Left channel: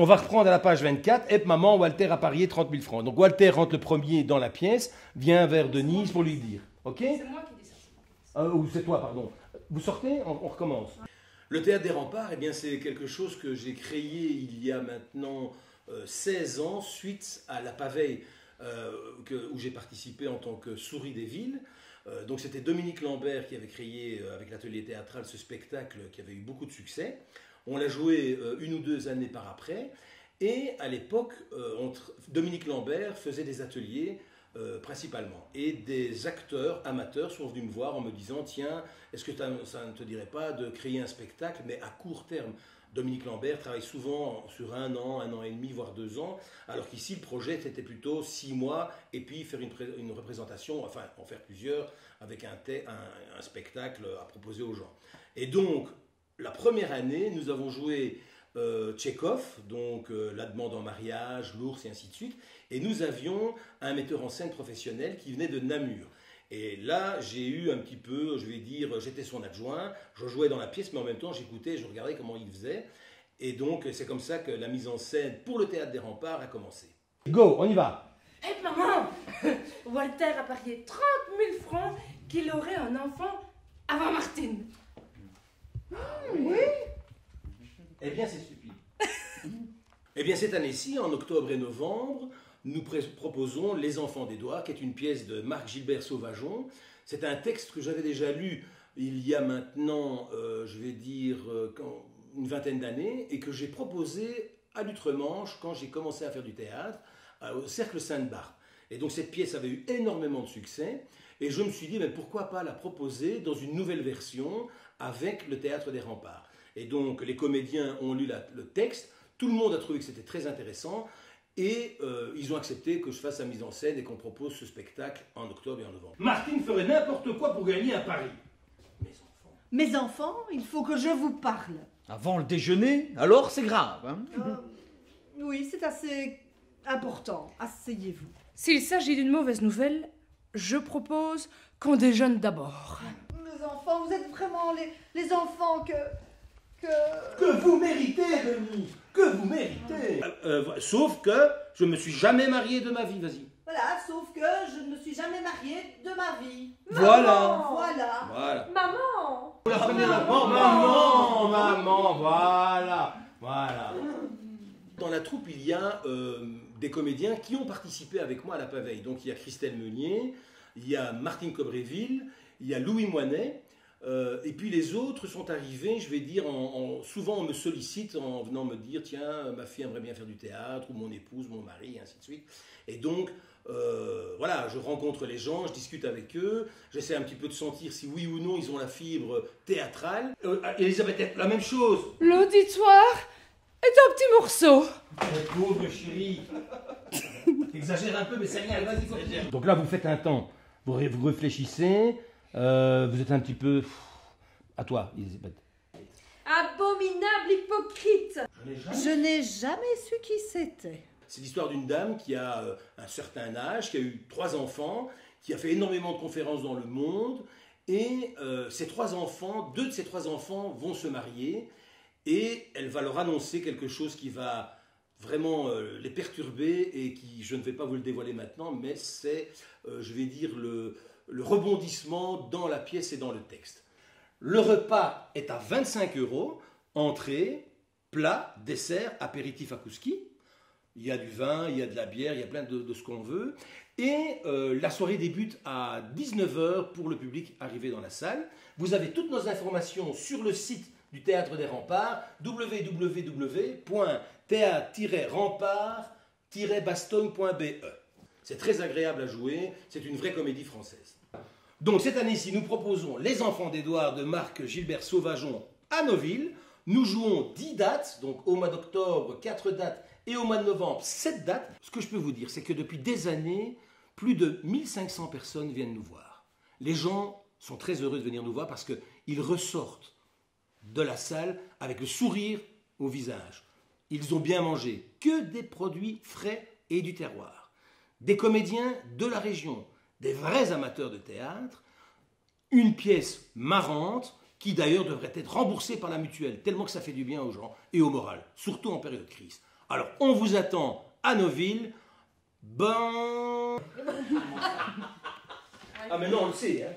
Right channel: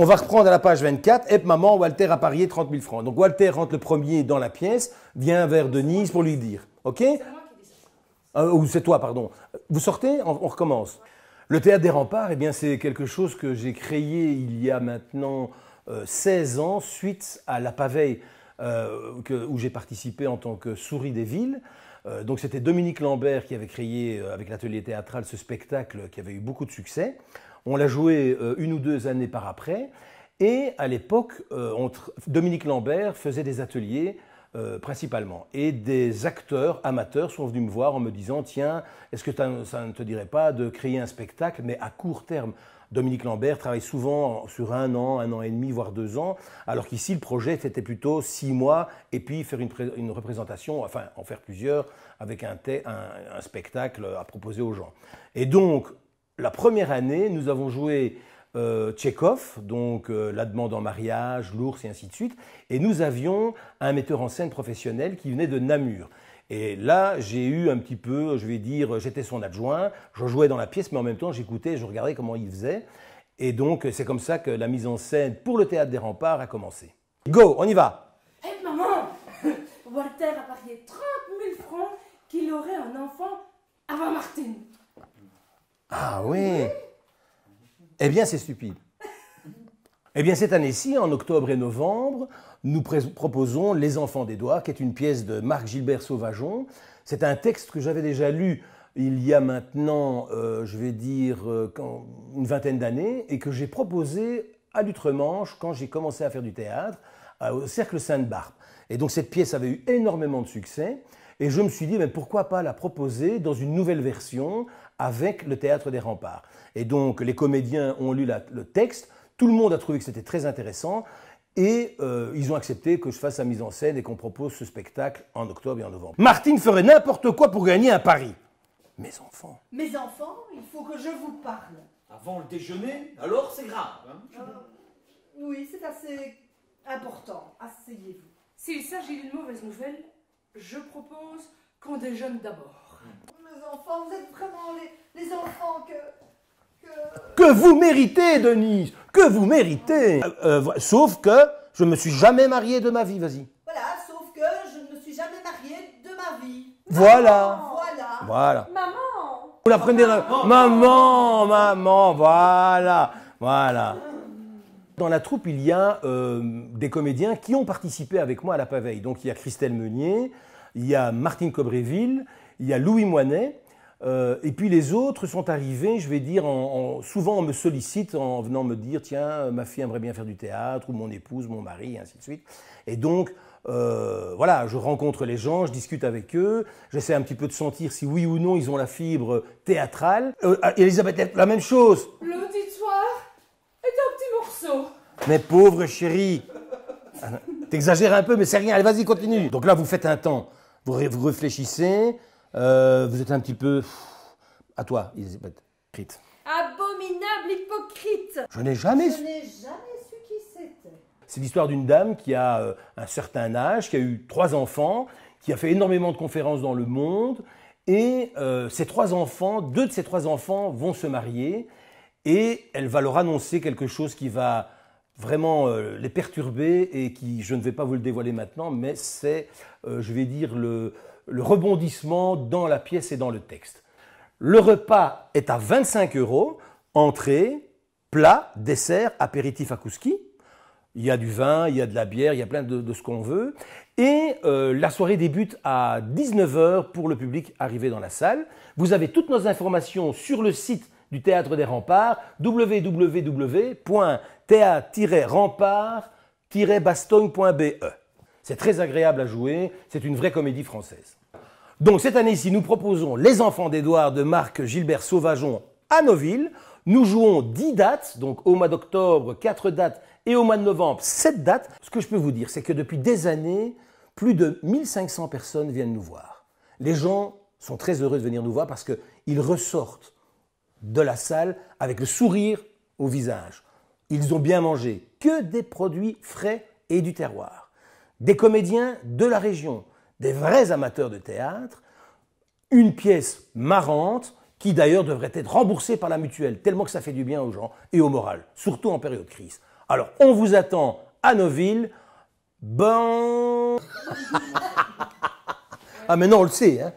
On va reprendre à la page 24. Et maman, Walter a parié 30 000 francs. Donc Walter rentre le premier dans la pièce, vient vers Denise pour lui dire. OK? Ou c'est toi, pardon. Vous sortez, on recommence. Le théâtre des Remparts, eh bien, c'est quelque chose que j'ai créé il y a maintenant 16 ans, suite à la Paveille, où j'ai participé en tant que souris des villes. Donc c'était Dominique Lambert qui avait créé avec l'atelier théâtral ce spectacle qui avait eu beaucoup de succès. On l'a joué 1 ou 2 années par après. Et à l'époque, Dominique Lambert faisait des ateliers principalement. Et des acteurs amateurs sont venus me voir en me disant « Tiens, est-ce que ça ne te dirait pas de créer un spectacle, mais à court terme ?» Dominique Lambert travaille souvent sur 1 an et demi, voire 2 ans, alors qu'ici, le projet, c'était plutôt 6 mois, et puis faire une représentation, enfin, en faire plusieurs, avec un spectacle à proposer aux gens. Et donc, la première année, nous avons joué Tchekhov, donc La demande en mariage, L'ours et ainsi de suite, et nous avions un metteur en scène professionnel qui venait de Namur. Et là, j'ai eu un petit peu, je vais dire, j'étais son adjoint, je jouais dans la pièce, mais en même temps, j'écoutais, je regardais comment il faisait. Et donc, c'est comme ça que la mise en scène pour le Théâtre des Remparts a commencé. Go, on y va! Hé maman, Walter a parié 30 000 francs qu'il aurait un enfant avant Martine. Ah oui. Eh bien, c'est stupide. Eh bien, cette année-ci, en octobre et novembre, nous proposons Les Enfants d'Édouard, qui est une pièce de Marc-Gilbert Sauvageon. C'est un texte que j'avais déjà lu il y a maintenant, je vais dire, une vingtaine d'années, et que j'ai proposé à l'Outremanche quand j'ai commencé à faire du théâtre, au Cercle Sainte-Barbe. Et donc, cette pièce avait eu énormément de succès, et je me suis dit, mais pourquoi pas la proposer dans une nouvelle version avec le Théâtre des Remparts. Et donc, les comédiens ont lu le texte, tout le monde a trouvé que c'était très intéressant, et ils ont accepté que je fasse la mise en scène et qu'on propose ce spectacle en octobre et en novembre. Martine ferait n'importe quoi pour gagner un pari. Mes enfants. Mes enfants, il faut que je vous parle. Avant le déjeuner, alors c'est grave. Hein? Oui, c'est assez important. Asseyez-vous. S'il s'agit d'une mauvaise nouvelle, je propose qu'on déjeune d'abord. Mes enfants, vous êtes vraiment les enfants Que vous méritez, Denise, que vous méritez. Sauf que je ne me suis jamais marié de ma vie, vas-y. Voilà, sauf que je ne me suis jamais mariée de ma vie. Voilà. Voilà. Voilà. Maman! Vous la prenez maman, maman, voilà, voilà. Dans la troupe, il y a des comédiens qui ont participé avec moi à la Paveille. Donc il y a Christelle Meunier, il y a Martine Cobréville, il y a Louis Moinet. Et puis les autres sont arrivés, je vais dire, souvent on me sollicite en venant me dire « Tiens, ma fille aimerait bien faire du théâtre » ou « Mon épouse, mon mari », et ainsi de suite. Et donc, voilà, je rencontre les gens, je discute avec eux, j'essaie un petit peu de sentir si oui ou non ils ont la fibre théâtrale. Elisabeth, la même chose. L'auditoire est un petit morceau. Mais pauvre chérie, t'exagères un peu, mais c'est rien, allez vas-y, continue. Donc là, vous faites un temps, vous réfléchissez, vous êtes un petit peu... À toi, Elisabeth. Abominable hypocrite. Je n'ai jamais... Je n'ai jamais su qui c'était. C'est l'histoire d'une dame qui a un certain âge, qui a eu 3 enfants, qui a fait énormément de conférences dans le monde, et ces 3 enfants, 2 de ces 3 enfants vont se marier, et elle va leur annoncer quelque chose qui va vraiment les perturber, et qui, je ne vais pas vous le dévoiler maintenant, mais c'est, je vais dire, le rebondissement dans la pièce et dans le texte. Le repas est à 25 €, entrée, plat, dessert, apéritif à Kouski. Il y a du vin, il y a de la bière, il y a plein de ce qu'on veut. Et la soirée débute à 19 h pour le public arrivé dans la salle. Vous avez toutes nos informations sur le site du Théâtre des Remparts, www.théâtre-rempart-bastogne.be. C'est très agréable à jouer, c'est une vraie comédie française. Donc cette année-ci, nous proposons Les Enfants d'Édouard de Marc-Gilbert Sauvageon à Noville. Nous jouons 10 dates, donc au mois d'octobre, 4 dates, et au mois de novembre, 7 dates. Ce que je peux vous dire, c'est que depuis des années, plus de 1500 personnes viennent nous voir. Les gens sont très heureux de venir nous voir parce qu'ils ressortent de la salle avec le sourire au visage. Ils ont bien mangé, que des produits frais et du terroir. Des comédiens de la région, des vrais amateurs de théâtre, une pièce marrante qui d'ailleurs devrait être remboursée par la mutuelle, tellement que ça fait du bien aux gens et au moral, surtout en période de crise. Alors, on vous attend à Noville. Bon... Ah, mais non, on le sait, hein.